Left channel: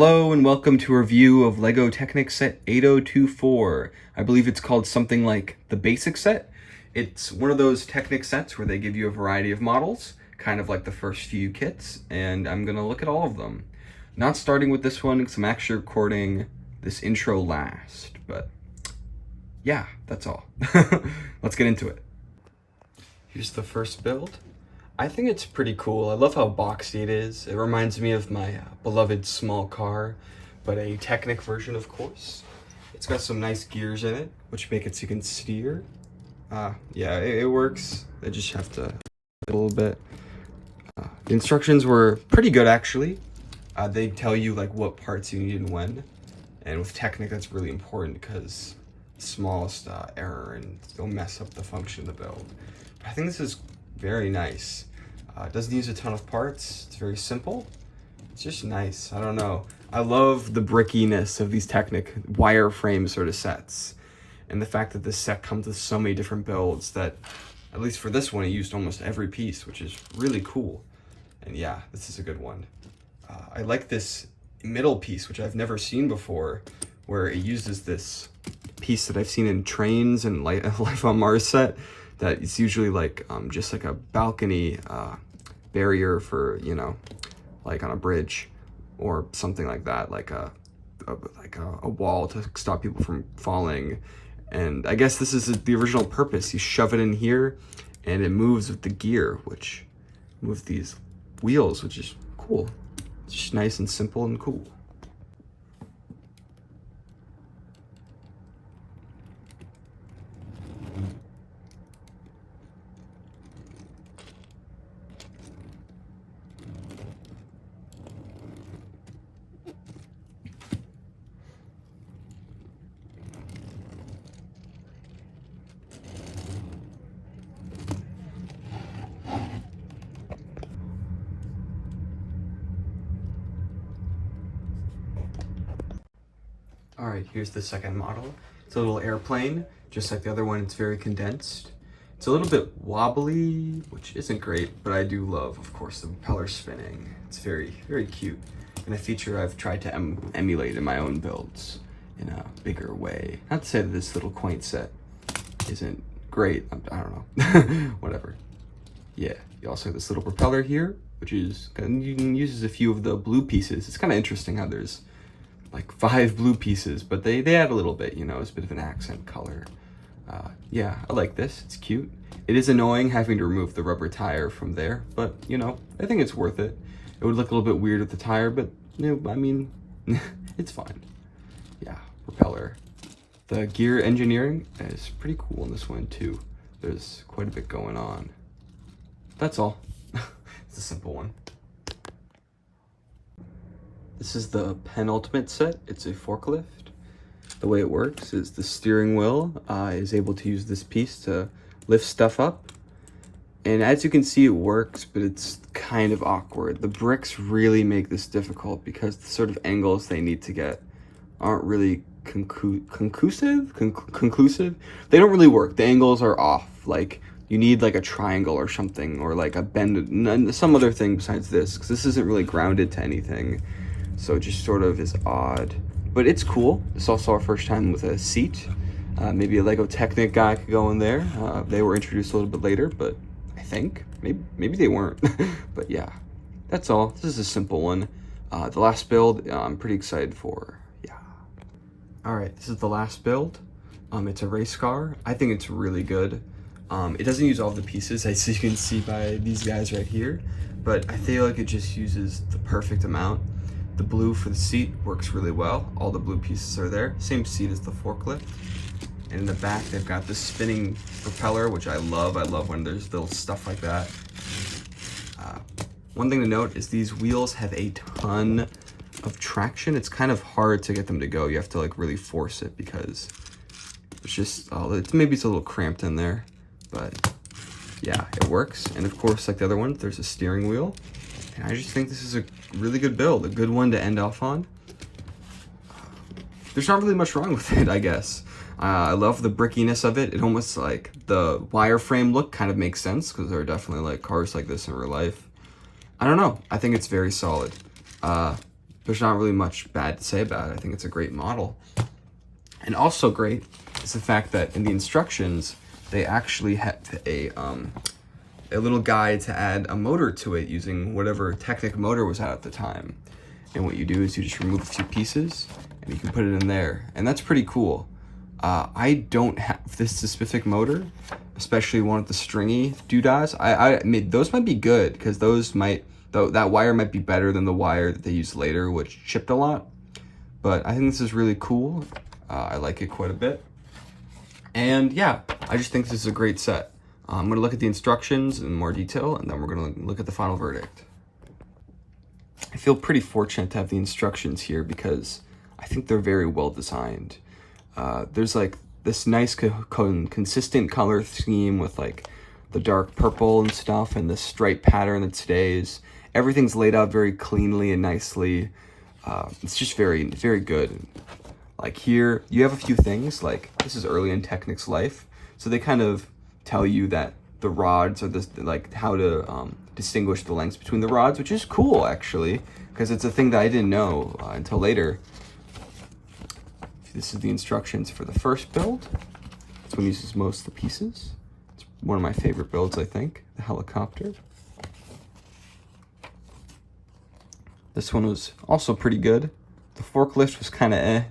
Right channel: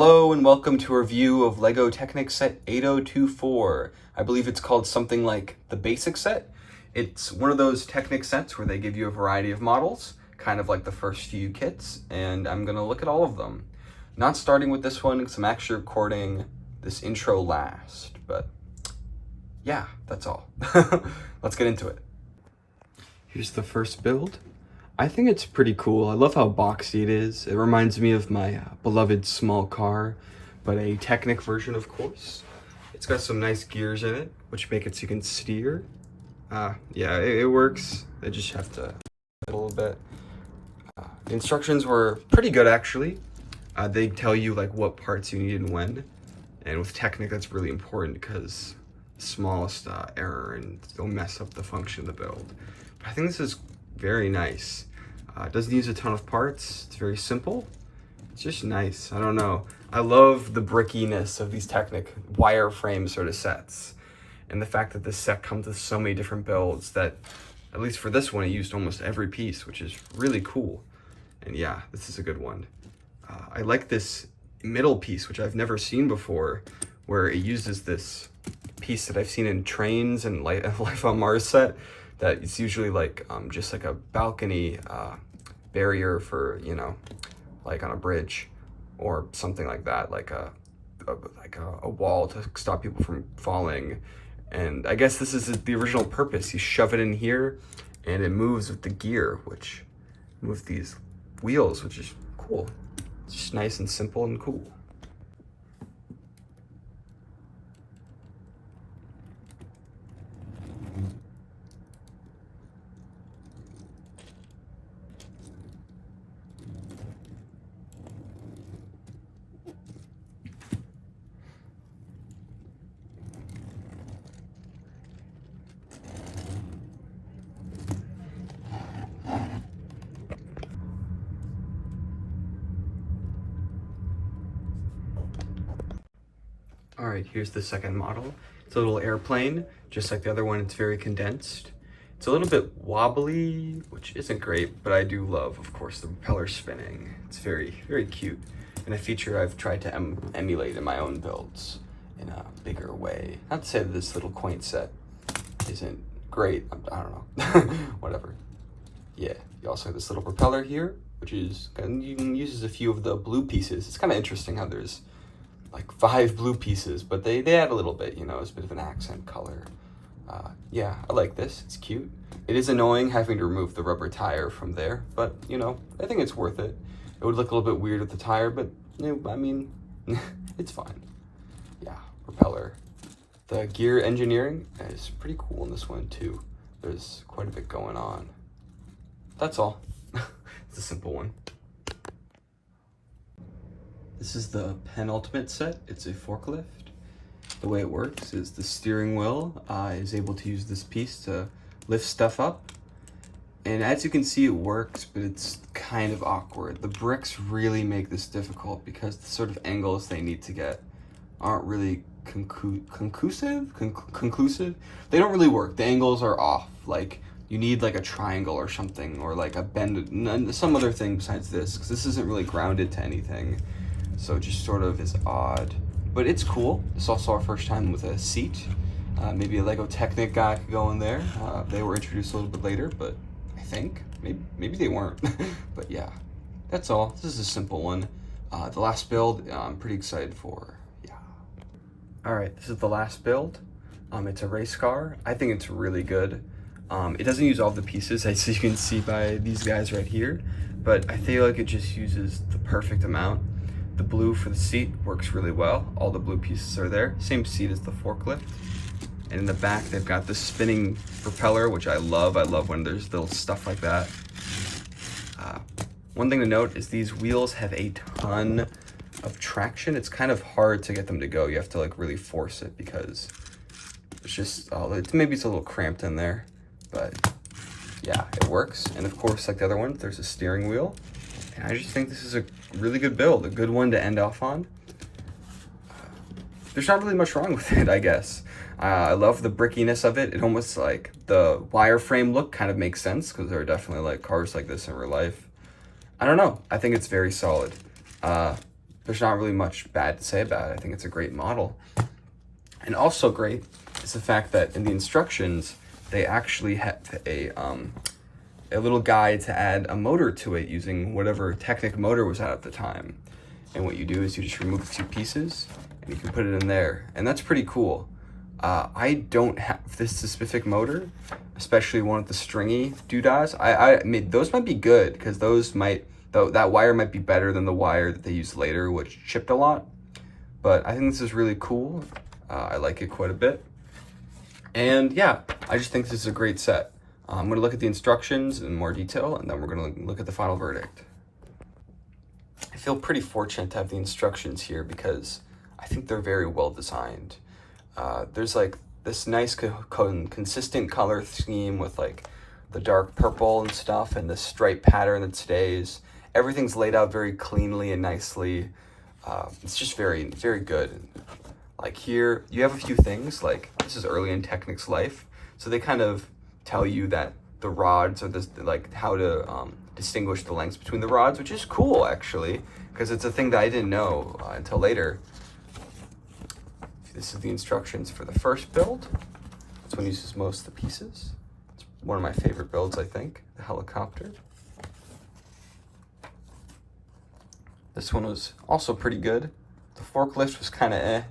Hello and welcome to a review of LEGO Technic set 8024. I believe it's called something like the basic set. It's one of those Technic sets where they give you a variety of models, kind of like the first few kits, and I'm gonna look at all of them. Not starting with this one because I'm actually recording this intro last, but yeah, that's all. Let's get into it. Here's the first build. I think it's pretty cool. I love how boxy it is. It reminds me of my beloved small car, but a Technic version, of course. It's got some nice gears in it, which make it so you can steer. Yeah, it works. I just have to a little bit. The instructions were pretty good, actually. They tell you like what parts you need and when. And with Technic, that's really important because the smallest error and it'll mess up the function of the build. But I think this is very nice. It doesn't use a ton of parts. It's very simple. It's just nice. I don't know. I love the brickiness of these Technic wireframe sort of sets. And the fact that this set comes with so many different builds that, at least for this one, it used almost every piece, which is really cool. And yeah, this is a good one. I like this middle piece, which I've never seen before, where it uses this piece that I've seen in trains and Life on Mars set. That it's usually like just like a balcony barrier for, you know, like on a bridge or something like that, like a wall to stop people from falling. And I guess this is the original purpose. You shove it in here and it moves with the gear, which moves these wheels, which is cool. It's just nice and simple and cool. All right, here's the second model. It's a little airplane, just like the other one, it's very condensed. It's a little bit wobbly, which isn't great, but I do love, of course, the propeller spinning. It's very, very cute. And a feature I've tried to emulate in my own builds in a bigger way. Not to say that this little quaint set isn't great, I don't know, whatever. Yeah, you also have this little propeller here, which is, uses a few of the blue pieces. It's kind of interesting how there's like 5 blue pieces, but they add a little bit, you know, it's a bit of an accent color. Yeah, I like this, it's cute. It is annoying having to remove the rubber tire from there, but you know, I think it's worth it. It would look a little bit weird with the tire, but you know, I mean, it's fine. Yeah, propeller. The gear engineering is pretty cool in this one too. There's quite a bit going on. That's all. It's a simple one. This is the penultimate set. It's a forklift. The way it works is the steering wheel is able to use this piece to lift stuff up. And as you can see, it works, but it's kind of awkward. The bricks really make this difficult because the sort of angles they need to get aren't really conclusive. They don't really work. The angles are off. Like, you need like a triangle or something, or like a bend, some other thing besides this, because this isn't really grounded to anything. So it just sort of is odd, but it's cool. It's also our first time with a seat. Maybe a LEGO Technic guy could go in there. They were introduced a little bit later, but I think, maybe they weren't. But yeah, that's all. This is a simple one. The last build, I'm pretty excited for, yeah. All right, this is the last build. It's a race car. I think it's really good. It doesn't use all the pieces, as you can see by these guys right here, but I feel like it just uses the perfect amount. The blue for the seat works really well. All the blue pieces are there. Same seat as the forklift. And in the back, they've got this spinning propeller, which I love. I love when there's little stuff like that. One thing to note is these wheels have a ton of traction. It's kind of hard to get them to go. You have to like really force it because it's just, maybe it's a little cramped in there, but yeah, it works. And of course, like the other one, there's a steering wheel. And I just think this is a really good build, a good one to end off on. There's not really much wrong with it, I guess. I love the brickiness of it. It almost like the wireframe look kind of makes sense because there are definitely like cars like this in real life. I don't know. I think it's very solid. there's not really much bad to say about it. I think it's a great model. And also great is the fact that in the instructions, they actually had a little guide to add a motor to it using whatever Technic motor was out at the time. And what you do is you just remove the two pieces and you can put it in there. And that's pretty cool. I don't have this specific motor, especially one of the stringy doodads. I mean, those might be good because those might, though that wire might be better than the wire that they used later, which chipped a lot. But I think this is really cool. I like it quite a bit. And yeah, I just think this is a great set. I'm gonna look at the instructions in more detail, and then we're gonna look at the final verdict. I feel pretty fortunate to have the instructions here because I think they're very well designed. There's like this nice consistent color scheme with like the dark purple and stuff and this stripe pattern that stays. Everything's laid out very cleanly and nicely. It's just very, very good. Like here, you have a few things, like this is early in Technic's life, so they kind of tell you that the rods are this, like how to distinguish the lengths between the rods, which is cool actually, because it's a thing that I didn't know until later. This is the instructions for the first build. This one uses most of the pieces. It's one of my favorite builds, I think, the helicopter. This one was also pretty good. The forklift was kind of eh.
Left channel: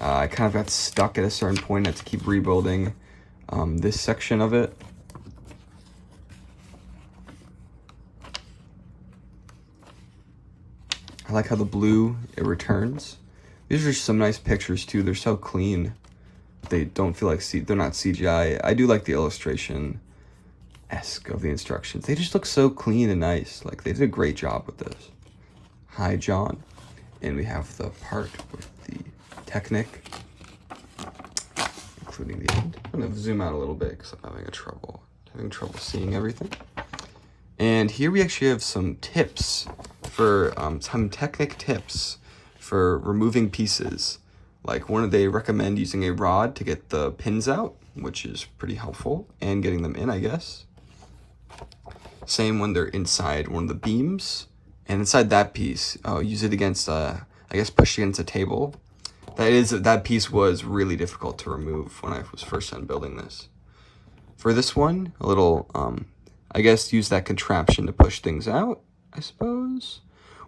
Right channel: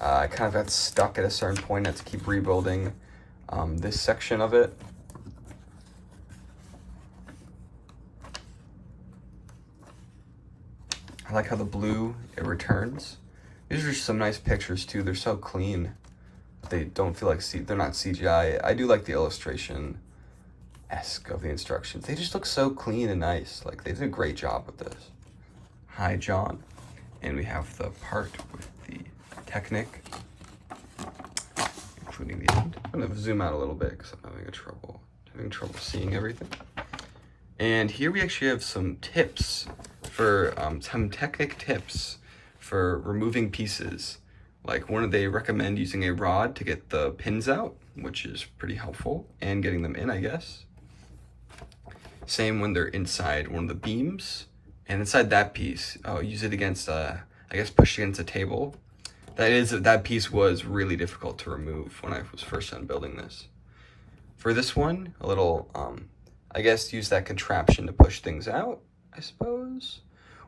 I kind of got stuck at a certain point. I had to keep rebuilding this section of it. I like how the blue, it returns. These are some nice pictures too. They're so clean. They don't feel like, they're not CGI. I do like the illustration-esque of the instructions. They just look so clean and nice. Like they did a great job with this. Hi, John. And we have the part with the Technic, including the end. I'm gonna zoom out a little bit because I'm having trouble seeing everything. And here we actually have some tips for some Technic tips for removing pieces. Like they recommend using a rod to get the pins out, which is pretty helpful, and getting them in, I guess. Same when they're inside one of the beams, and inside that piece, use it against, I guess push against a table. That piece was really difficult to remove when I was first done building this. For this one, a little, I guess use that contraption to push things out, I suppose.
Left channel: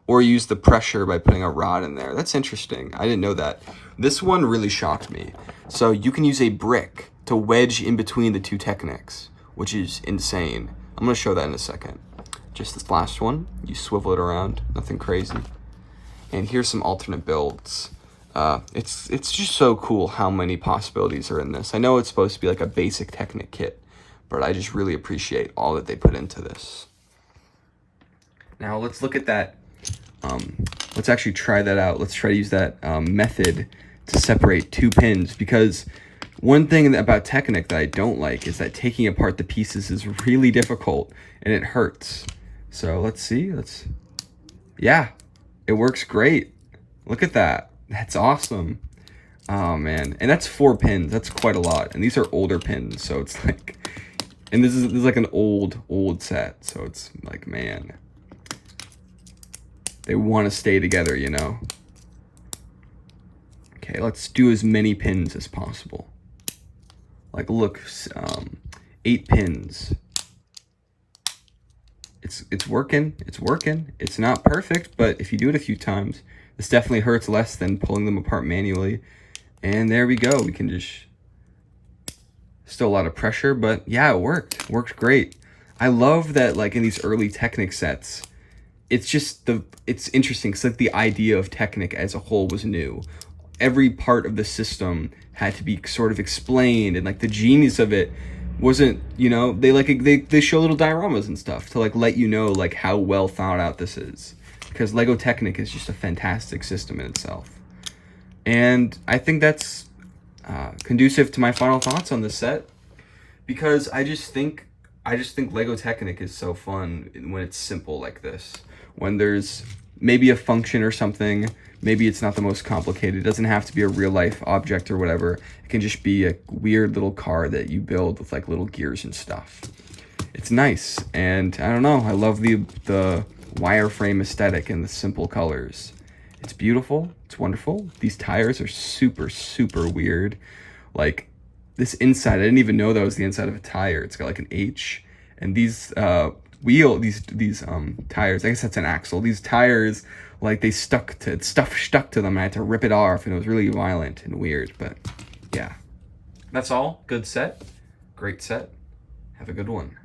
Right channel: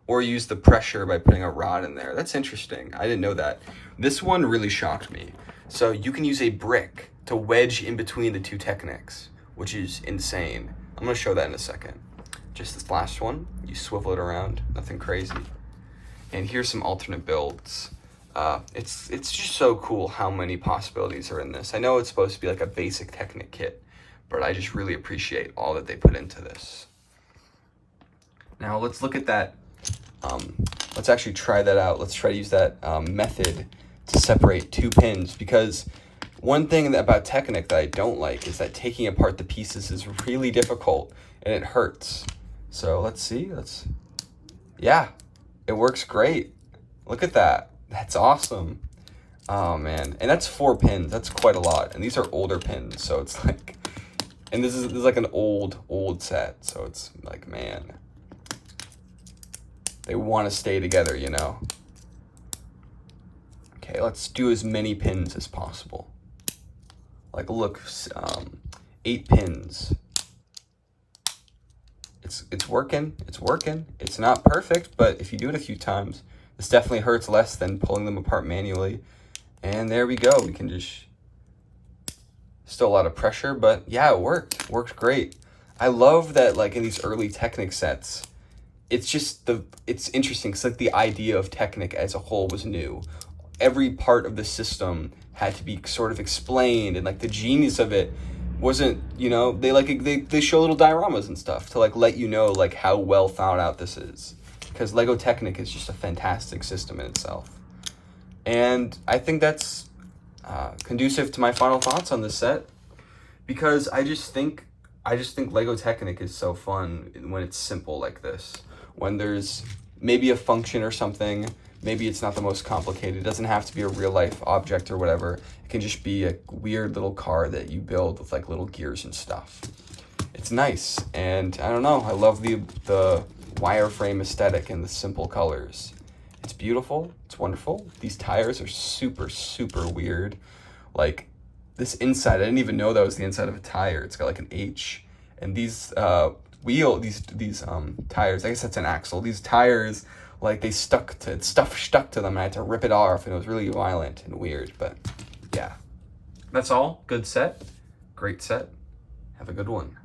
Or use the pressure by putting a rod in there. That's interesting. I didn't know that. This one really shocked me. So you can use a brick to wedge in between the two Technics, which is insane. I'm gonna show that in a second. Just this last one, you swivel it around, nothing crazy. And here's some alternate builds. It's just so cool how many possibilities are in this. I know it's supposed to be like a basic Technic kit, but I just really appreciate all that they put into this. Now let's look at that. Let's actually try that out. Let's try to use that method to separate two pins, because one thing about Technic that I don't like is that taking apart the pieces is really difficult and it hurts. So let's see, yeah, it works great. Look at that, that's awesome. Oh man, and that's 4 pins, that's quite a lot. And these are older pins, so it's like, and this is like an old set, so it's like, man, they want to stay together, you know? Okay, let's do as many pins as possible. Like, look, 8 pins. It's working, it's working. It's not perfect, but if you do it a few times, this definitely hurts less than pulling them apart manually. And there we go, we can just, still a lot of pressure, but yeah, it worked great. I love that, like, in these early Technic sets, it's just it's interesting because like the idea of Technic as a whole was new. Every part of the system had to be sort of explained, and like the genius of it wasn't, you know, they show little dioramas and stuff to like let you know like how well thought out this is, because Lego Technic is just a fantastic system in itself. And I think that's conducive to my final thoughts on this set, because I just think Lego Technic is so fun when it's simple like this. When there's maybe a function or something, maybe it's not the most complicated. It doesn't have to be a real life object or whatever. It can just be a weird little car that you build with like little gears and stuff. It's nice, and I don't know, I love the wireframe aesthetic and the simple colors. It's beautiful. It's wonderful. These tires are super, super weird. Like this inside, I didn't even know that was the inside of a tire. It's got like an H. And these tires, I guess that's an axle. These tires, like they stuck to them, and I had to rip it off, and it was really violent and weird. But yeah, that's all. Good set. Great set. Have a good one.